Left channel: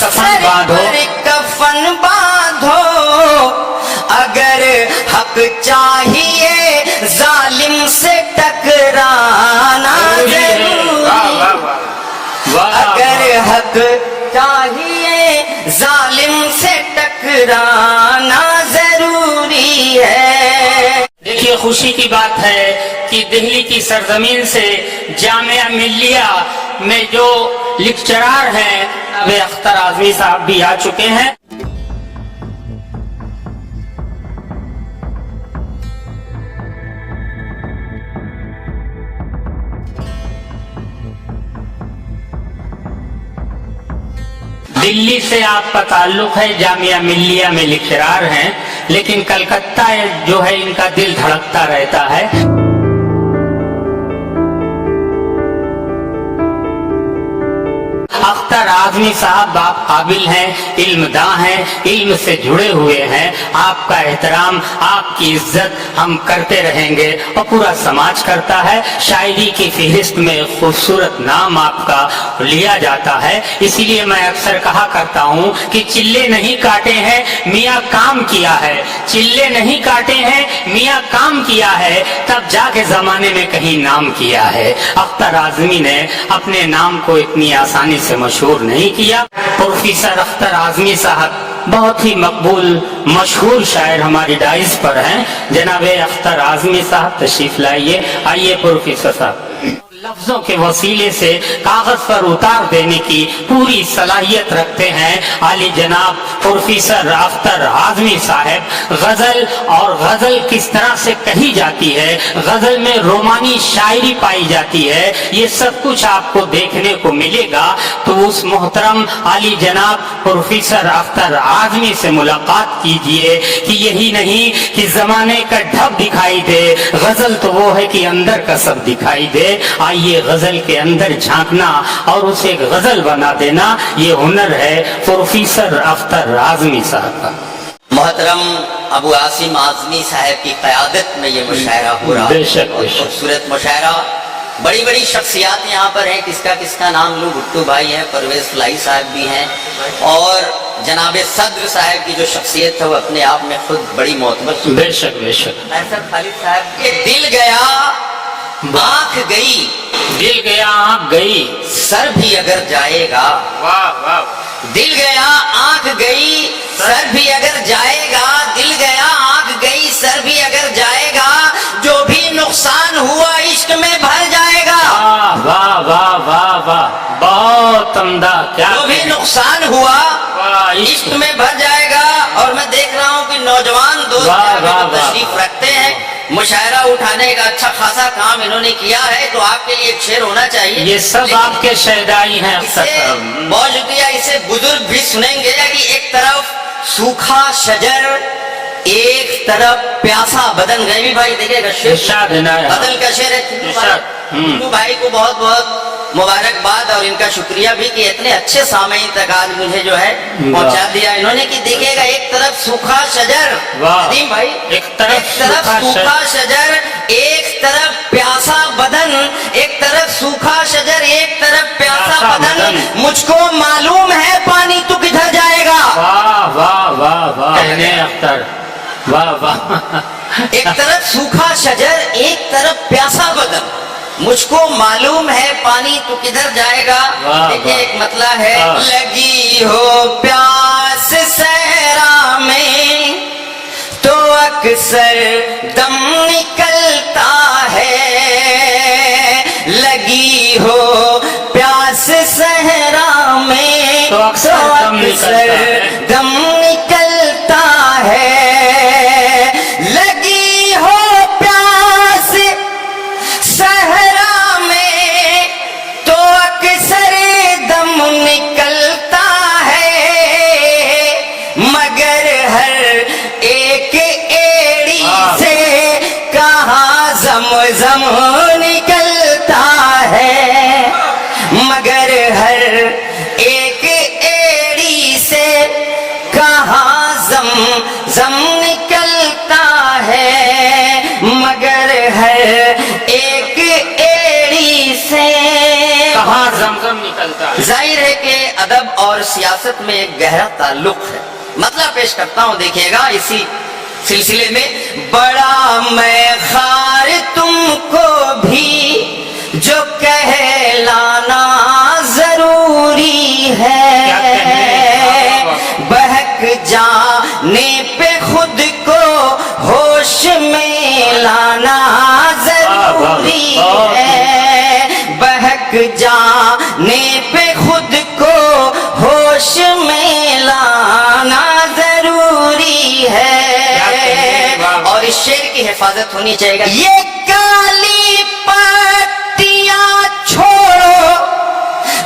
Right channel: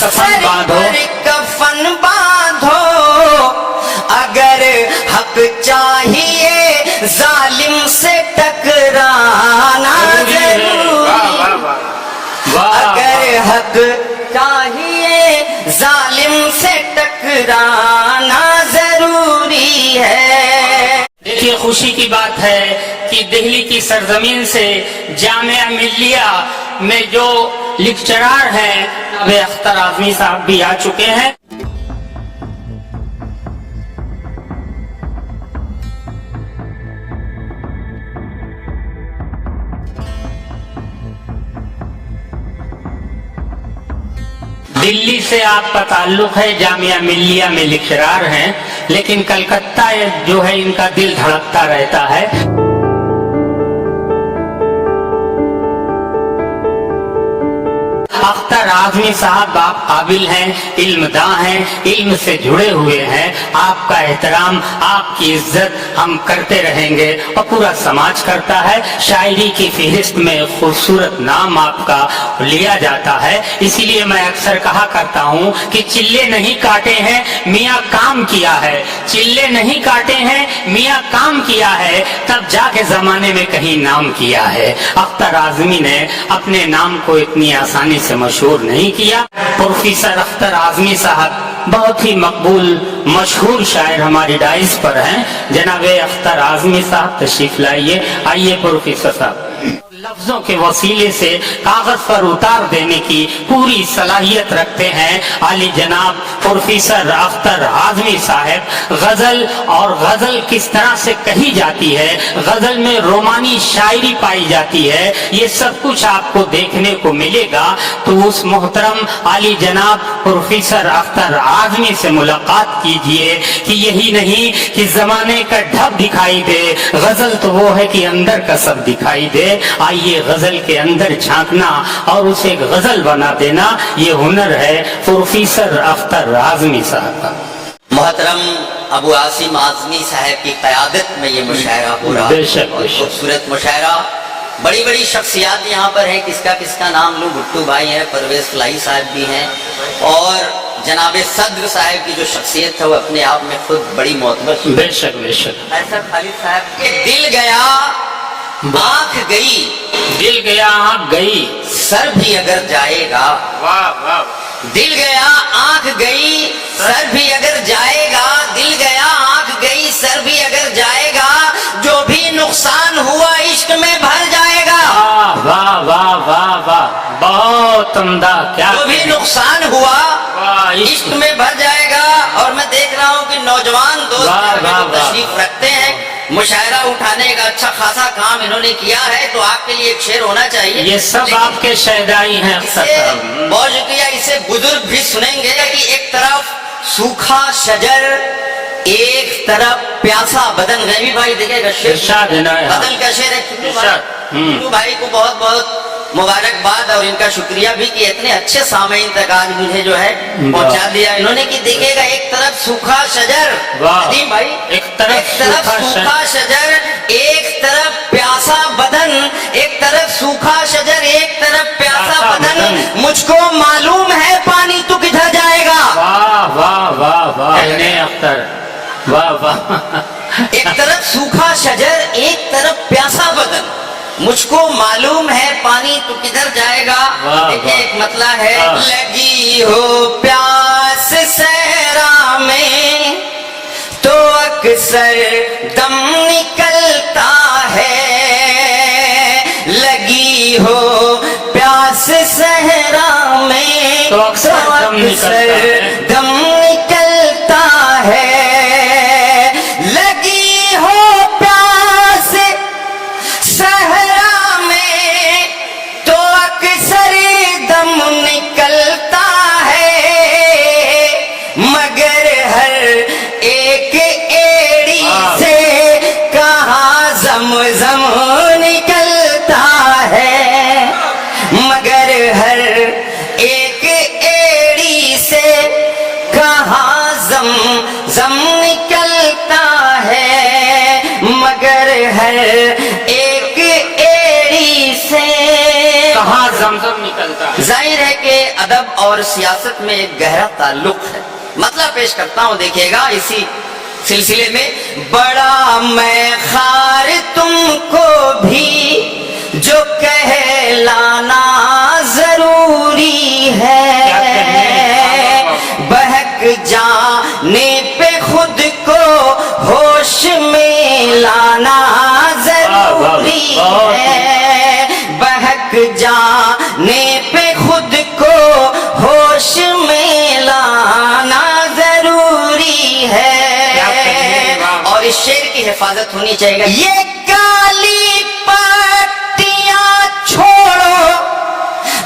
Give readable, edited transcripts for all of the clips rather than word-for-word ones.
कफन बांधो, कफन बांधो, अगर हक चाहिए जालिम से टकराना जरूरी, अगर हक चाहिए जालिम से टकराना जरूरी है। देखिए खुशी की बात है कि दिल्ली की सरजमीन से जामिया मिल्लिया में जो लेक्चरार हैं जनाब अख्तर आजमी साहब भी आ चुके हैं। दिल्ली से आपका ताल्लुक है, जामिया मिल्लिया में लेक्चरार हैं, लेकिन कलकत्ता जो है इनका दिल धड़कता रहता है। अख्तर आजमी साहब आप काबिल हैं, इल्मदां हैं, इल्म से जुड़े हुए हैं। आपका एहतराम, आपकी इज्जत हम करते रहेंगे और पूरा समाज करता है। शायरी की फहरिस्त में खूबसूरत नाम आपका लिया जाता है। इसीलिए मैं अक्सर कहा करता हूँ कि चिल्ले नहीं काटे हैं, मियाँ काम किया है। चिल्ले नहीं काटे हैं, मियाँ काम किया है, तब जाके जमाने में कहीं नाम किया है। अख्तर आजमी ने अपने नाम को इतनी आसानी से मशहूर नहीं किया। प्रोफेसर अख्तर आजमी साहब बहुत ही मकबूल मशहूर शायर हमारी डाइस पर हैं। जनाबे अख्तर आजमी साहब तशरीफ लाइए। आइए प्रोफेसर साहब। लफ्जों के वसीले से कागज पर उतार देने की पूरी सलाहियत रखते हैं आली जनाब प्रोफेसर अख्तर आजमी साहब। गजल और गजल किस तरह से कही जाती है, गजल में रोमानी शायरी पाई जाती है, ये सब कुछ आपको देखने को मिलेगा। तो उस मोहतरम आली जनाब प्रोफेसर अख्तर आजमी से मुलाकात कीजिए कि यही नहीं कि जमाने का ढब दिखाई दे, गजल तो वो है कि अंदर का सब दिखाई दे। आइए गजल के अंदर झांकना और उसे गजल बना देना, ये हुनर है प्रोफेसर अख्तर आजमी साहब का। मोहतरम अबू आसिम आजमी साहब की क़यादत में ये मुशायरा हो रहा है, खूबसूरत मुशायरा। बड़ी बड़ी शख्सियात यहाँ पर हैं, किसका नाम लूँ? भुट्टू भाई हैं, परवेज फलाई साहब भी हैं, और जनाबे सद्र साहब की जो शख्सियत है वो अपने आप में खुद बड़ी मोतबर। बेशक बेशक। ऐसा खालिद साहब के दिल गया आंख गई, दिल गया आंख गई, सर भी अगर जाएगा। वाह वाह। दिल गया आंख गई, सर भी अगर जाएगा, दिल गया आंख गई, सर भी अगर जाएगा, जो भी नुकसान हुआ इश्क में भर जाएगा। वाह वाह वाह वाह, बहुत उम्दा। क्या जो भी नुकसान हुआ इश्क में भर जाएगा। और मैं देख रहा हूँ कि नौजवान दोस्त तशरीफ रखते हैं, मुशायरा उठाने का अच्छा खासा काम इन्होंने किया है, तो आपके लिए एक शेर होना चाहिए। ये सब आपके शहदाई हैं। बहुत शुक्रिया। इसे बुजुर्ग भी सुनेंगे कि एक तरफ सूखा शजर, एक तरफ प्यासा बदन। गैबी भाई देखेगा शेर, बदल का शेर है। चुन्नू भाई को बहुत बहुत मुबारकबाद और इनका शुक्रिया भी कि इतने अच्छे सामईन तक आज मुझे जो है पहुंचा दिया इन्होंने। कि देखिएगा एक तरफ सूखा शजर, नदीम भाई, एक तरफ सूखा शजर, एक तरफ प्यासा बदन, एक तरफ सूखा शजर, एक तरफ प्यासा बदन, मुझको मालूम है पानी तू किधर जाएगा। वाह वाह वाह वाह अख्तर, वाह वाह। एक तरफ सूखा शजर, एक तरफ प्यासा बदन, मुझको मालूम है पानी तू किधर जाएगा। देखिए एक मतला है, लगी हो प्यास सहरा में तो अक्सर दम निकलता है, लगी हो प्यास सहरा में तो अक्सर दम निकलता है, लगी हो प्यास सहरा में तो अक्सर दम निकलता है, मगर हर एक एड़ी से कहाँ ज़म-ज़म निकलता है, मगर हर एक एड़ी से कहाँ ज़म-ज़म निकलता है, मगर हर एक एड़ी से कहाँ जमजम निकलता है। ज़ाहिर है कि अदब और सियासत में एक गहरा ताल्लुक है। मतलब पेश करता हूँ, देखिएगा इसी सिलसिले में। बड़ा मैं खार तुमको भी जो कहलाना जरूरी है, बहक जाने पे खुद को होश में लाना जरूरी है, बहक जाने पे खुद को होश में लाना जरूरी है। और इस शेर की हिफाजत होनी चाहिए। ये काली पट्टियां छोड़ो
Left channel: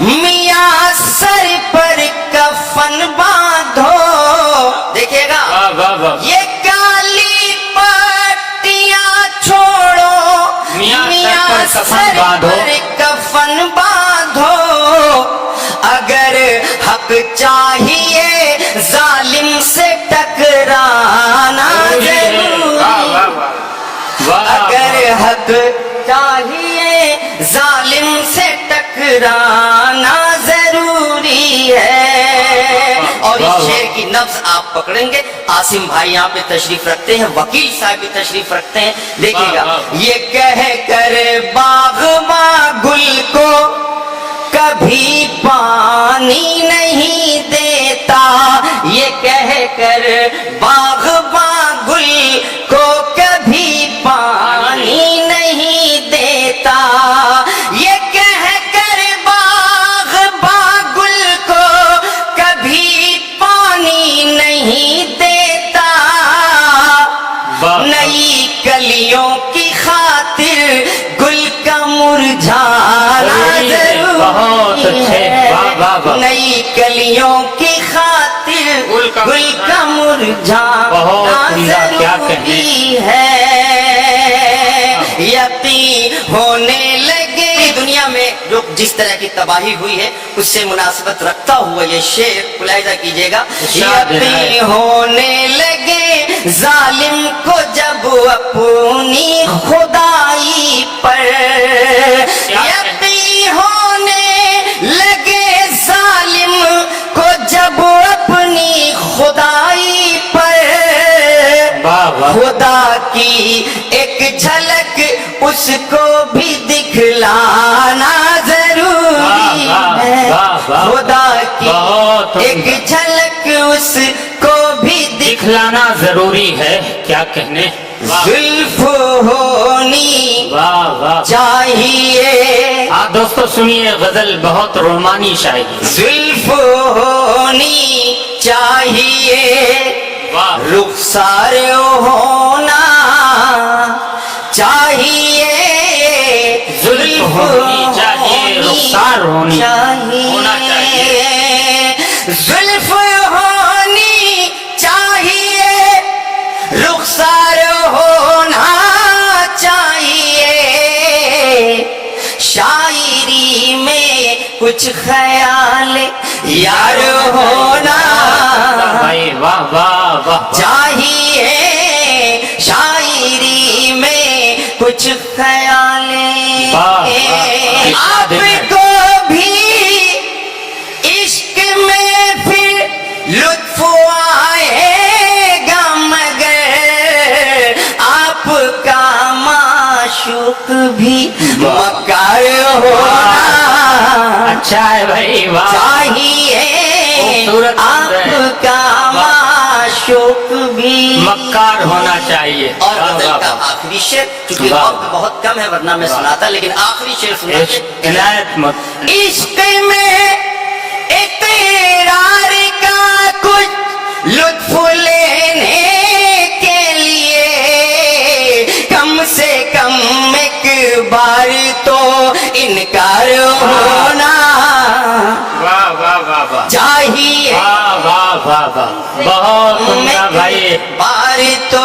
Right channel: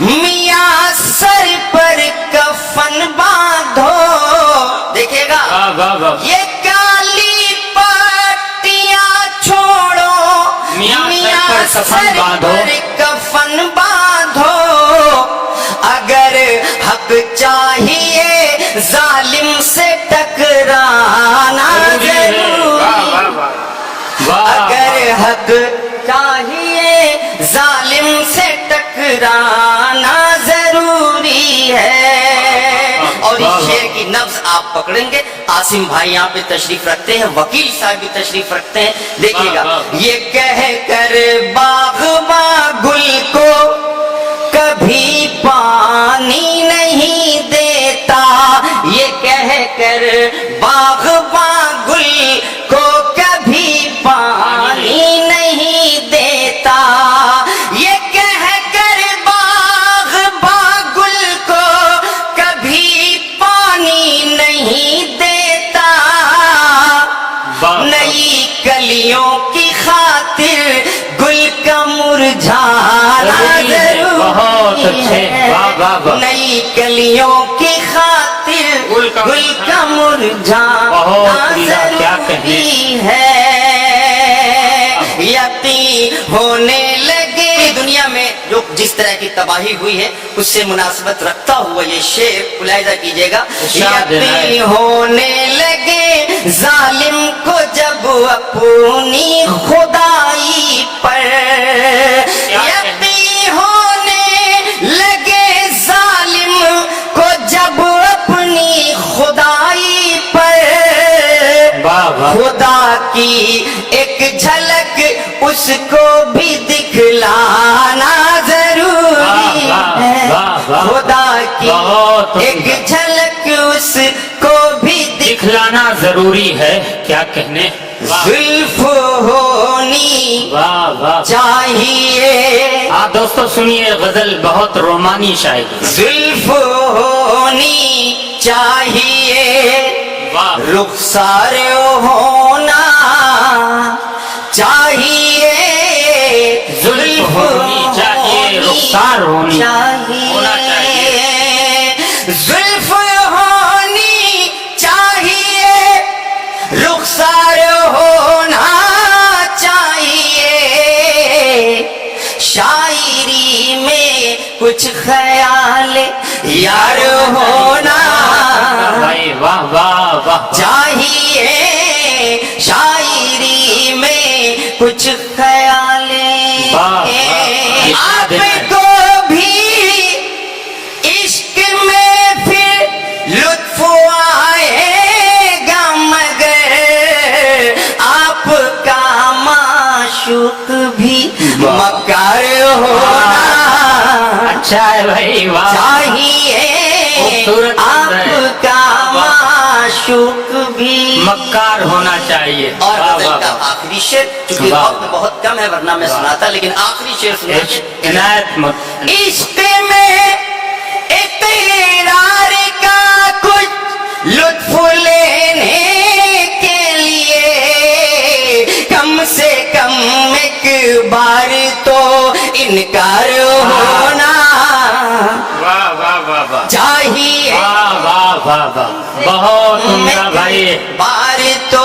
मियां सर पर कफन बांधो। देखिएगा, ये काली पट्टियां छोड़ो मियां सर पर कफन बांधो, अगर हक चाहिए जालिम से टकराना जरूरी, अगर हक चाहिए जालिम से टकराना जरूरी है। और इस शेर की नब्ज आप पकड़ेंगे। आसिम भाई यहाँ पे तशरीफ रखते हैं, वकील साहब भी तशरीफ रखते हैं। देखिएगा, ये कह कर बाग़बा गुल को कभी पानी नहीं देता, ये कह कर बाग़बा गुल को कभी पानी नहीं देता, ये कह कर बाग़बा गुल को कभी पानी नहीं देता, नई कलियों की खातिर गुल का मुरझाना जरूरी है, नई कलियों की खातिर गुल का मुरझाना जरूरी है। यकीन होने लगे दुनिया में जो जिस तरह की तबाही हुई है उससे मुनासिबत रखता हुआ ये शेर मुलाहिजा कीजिएगा। यकीन होने लगे जालिम को जब अपनी खुदाई पर, यकीन होने लगे जालिम को जब अपनी खुदाई पर, खुदा की एक झलक उसको भी दिखलाना जरूरी है, खुदा की एक झलक उसको भी दिखलाना जरूरी है। क्या कहने, जुल्फ होनी चाहिए। आप दोस्तों सुनिए, गजल बहुत रोमानी शायरी। जुल्फ होनी चाहिए, रुखसार होना चाहिए, जुल्फ होनी चाहिए, रुखसार होना चाहिए, जुल्फ होनी चाहिए, रुखसार होना चाहिए, शायरी में कुछ ख्याल यार होना चाहिए, शायरी में कुछ ख्याल आपको भी इश्क में फिर लुत्फ आएगा, मगर आपका माशूक भी मक्कार होना अच्छा है भाई, वाह चाहिए, आपका माशूक भी मक्कार होना चाहिए। और गजल का आखिरी शेर, चूंकि वक्त बहुत कम है वरना मैं सुनाता, लेकिन आखिरी शेर सुना। इश्क में इक़रार का कुछ लुत्फ लेने के लिए कम से कम एक बार तो इनकार होना चाहिए, बहुत उम्दा भाई, बार तो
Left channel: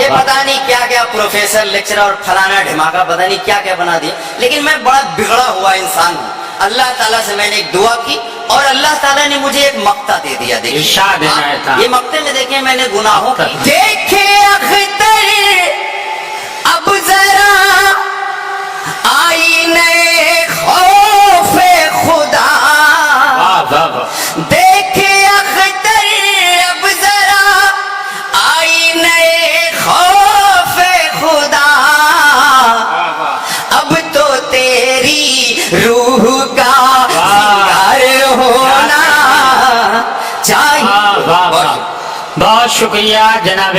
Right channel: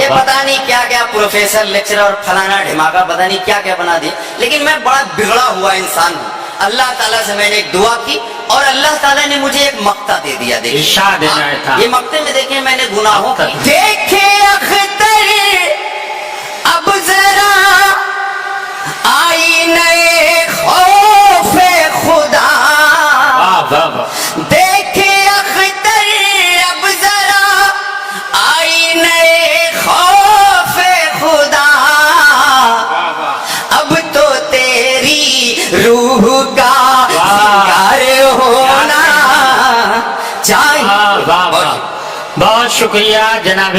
ये पता नहीं क्या क्या प्रोफेसर लेक्चरर और फलाना ढिमाका पता नहीं क्या क्या बना दिया, लेकिन मैं बड़ा बिगड़ा हुआ इंसान हूँ। अल्लाह ताला से मैंने एक दुआ की और अल्लाह ताला ने मुझे एक मक्ता दे दिया। देखिए इरशाद इनायत था। ये मक्ते में देखिए मैंने गुनाहों की, देखे अख्तर अब जरा आईने शुक्रिया जनाब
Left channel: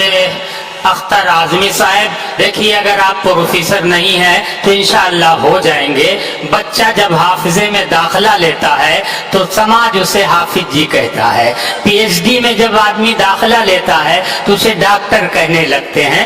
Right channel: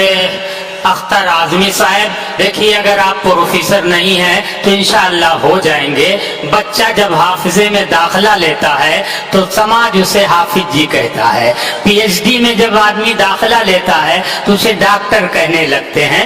अख्तर आजमी साहब। देखिए अगर आप प्रोफेसर नहीं हैं तो इंशाअल्लाह हो जाएंगे। बच्चा जब हाफिजे में दाखिला लेता है तो समाज उसे हाफिज जी कहता है। पीएचडी में जब आदमी दाखिला लेता है तो उसे डॉक्टर कहने लगते हैं।